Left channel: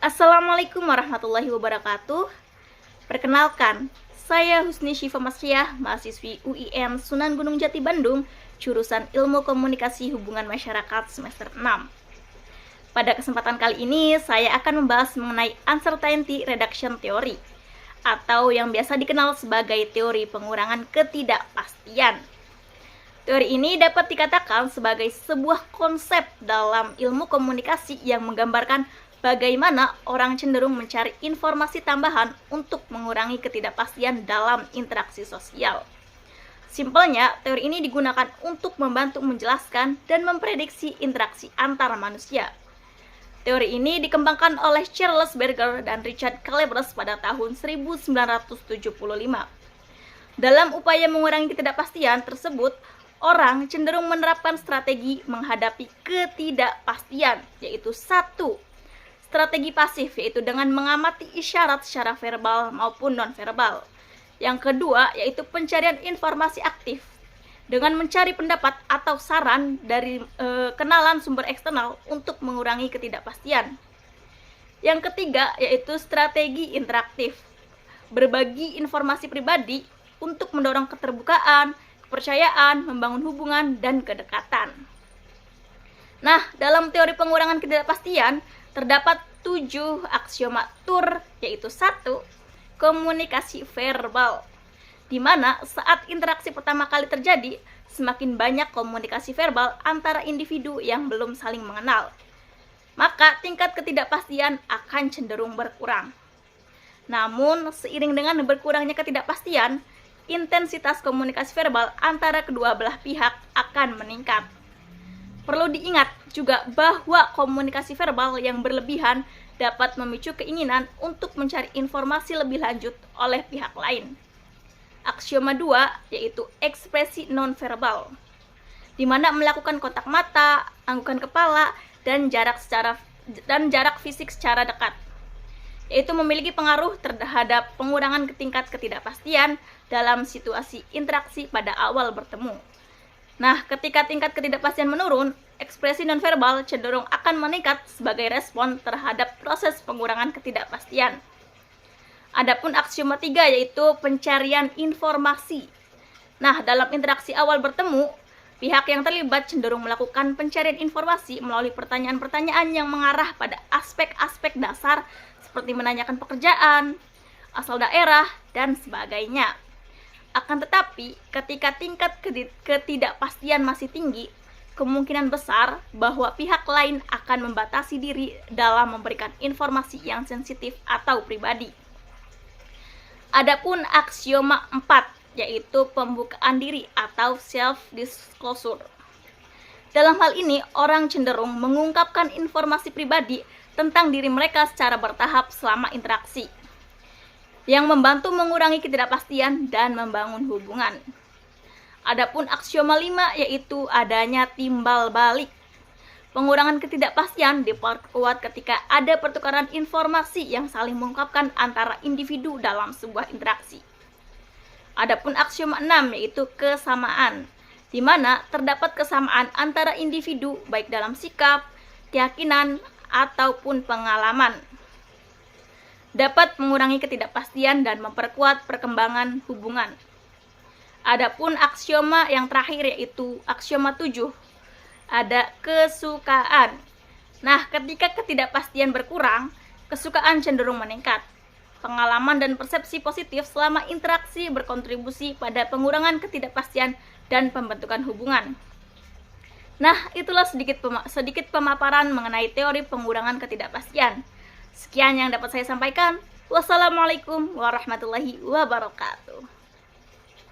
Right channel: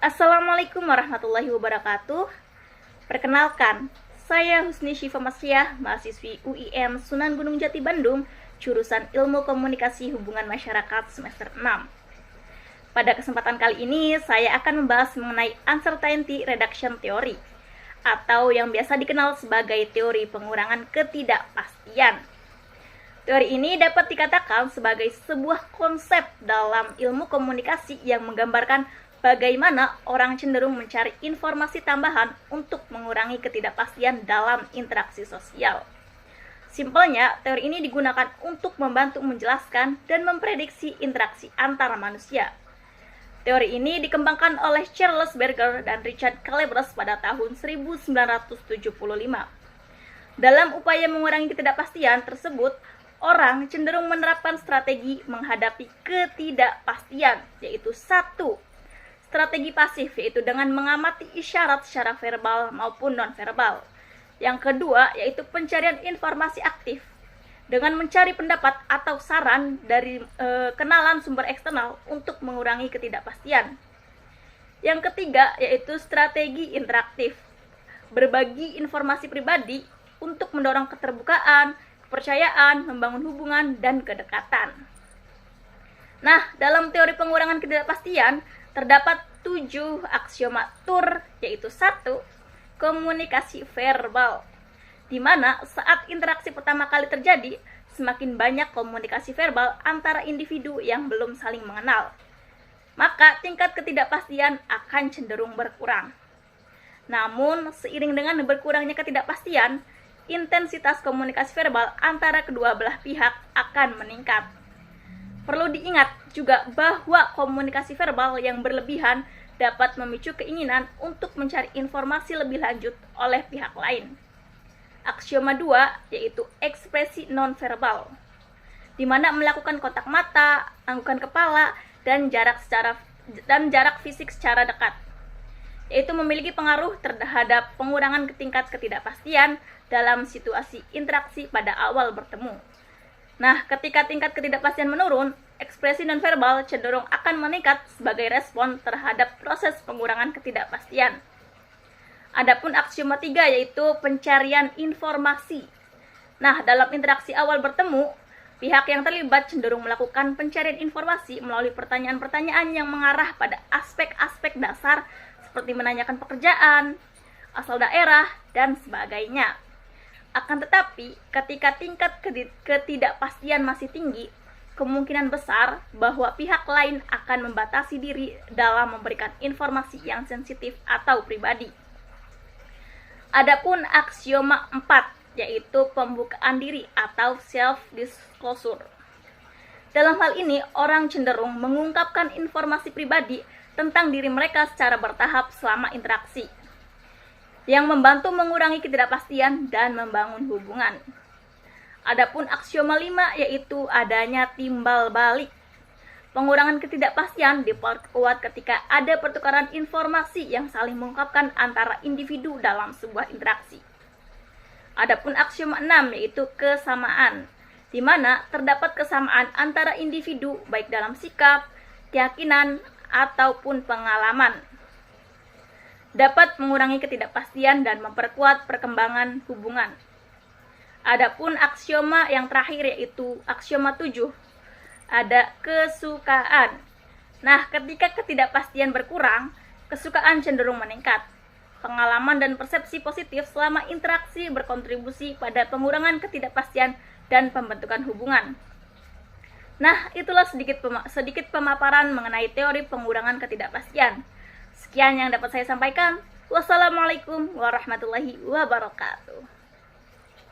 Assalamualaikum warahmatullahi wabarakatuh. Perkenalkan, saya Husni Syifa Masriah, mahasiswi UIN Sunan Gunung Jati Bandung, jurusan Ilmu Komunikasi Hubungan Masyarakat semester 6. Pada kesempatan kali ini, saya akan membahas mengenai Uncertainty Reduction Theory, atau yang biasa dikenal sebagai teori pengurangan ketidakpastian. Teori ini dapat dikatakan sebagai sebuah konsep dalam ilmu komunikasi yang menggambarkan bagaimana orang cenderung mencari informasi tambahan untuk mengurangi ketidakpastian dalam interaksi sosial. Simpelnya, teori ini digunakan untuk membantu menjelaskan dan memprediksi interaksi antar manusia. Teori ini dikembangkan oleh Charles Berger dan Richard Calebres pada tahun 1975. Dalam upaya mengurangi ketidakpastian tersebut, orang cenderung menerapkan strategi menghadapi ketidakpastian, yaitu satu, strategi pasif, yaitu dengan mengamati isyarat secara verbal maupun nonverbal. Yang kedua, yaitu pencarian informasi aktif dengan mencari pendapat atau saran dari kenalan sumber eksternal untuk mengurangi ketidakpastian. Yang ketiga, yaitu strategi interaktif, berbagi informasi pribadi untuk mendorong keterbukaan, kepercayaan, membangun hubungan, dan kedekatan. Nah, dalam teori pengurangan ketidakpastian, terdapat 7 aksioma TUR, yaitu 1. Komunikasi verbal, di mana saat interaksi pertama kali terjadi, semakin banyak komunikasi verbal antara individu yang belum saling mengenal, maka tingkat ketidakpastian akan cenderung berkurang. Namun, seiring dengan berkurangnya ketidakpastian, intensitas komunikasi verbal antara kedua belah pihak akan meningkat. Perlu diingat juga bahwa komunikasi verbal yang berlebihan dapat memicu keinginan untuk mencari informasi lebih lanjut oleh pihak lain. Aksioma 2, yaitu ekspresi nonverbal, di mana melakukan kontak mata, anggukan kepala, dan jarak fisik secara dekat, yaitu memiliki pengaruh terhadap pengurangan tingkat ketidakpastian dalam situasi interaksi pada awal bertemu. Nah, ketika tingkat ketidakpastian menurun, ekspresi nonverbal cenderung akan meningkat sebagai respon terhadap proses pengurangan ketidakpastian. Adapun aksioma 3, yaitu pencarian informasi. Nah, dalam interaksi awal bertemu, pihak yang terlibat cenderung melakukan pencarian informasi melalui pertanyaan-pertanyaan yang mengarah pada aspek-aspek dasar seperti menanyakan pekerjaan, asal daerah, dan sebagainya. Akan tetapi, ketika tingkat ketidakpastian masih tinggi, kemungkinan besar bahwa pihak lain akan membatasi diri dalam memberikan informasi yang sensitif atau pribadi. Adapun aksioma 4, yaitu pembukaan diri atau self-disclosure. Dalam hal ini, orang cenderung mengungkapkan informasi pribadi tentang diri mereka secara bertahap selama interaksi, yang membantu mengurangi ketidakpastian dan membangun hubungan. Adapun aksioma 5, yaitu adanya timbal balik. Pengurangan ketidakpastian diperkuat ketika ada pertukaran informasi yang saling mengungkapkan antara individu dalam sebuah interaksi. Adapun aksioma 6, yaitu kesamaan, di mana terdapat kesamaan antara individu baik dalam sikap, keyakinan, ataupun pengalaman, dapat mengurangi ketidakpastian dan memperkuat perkembangan hubungan. Adapun aksioma yang terakhir, yaitu aksioma 7, ada kesukaan. Nah, ketika ketidakpastian berkurang, kesukaan cenderung meningkat. Pengalaman dan persepsi positif selama interaksi berkontribusi pada pengurangan ketidakpastian dan pembentukan hubungan. Nah, itulah sedikit pemaparan mengenai teori pengurangan ketidakpastian. Sekian yang dapat saya sampaikan. Wassalamualaikum warahmatullahi wabarakatuh.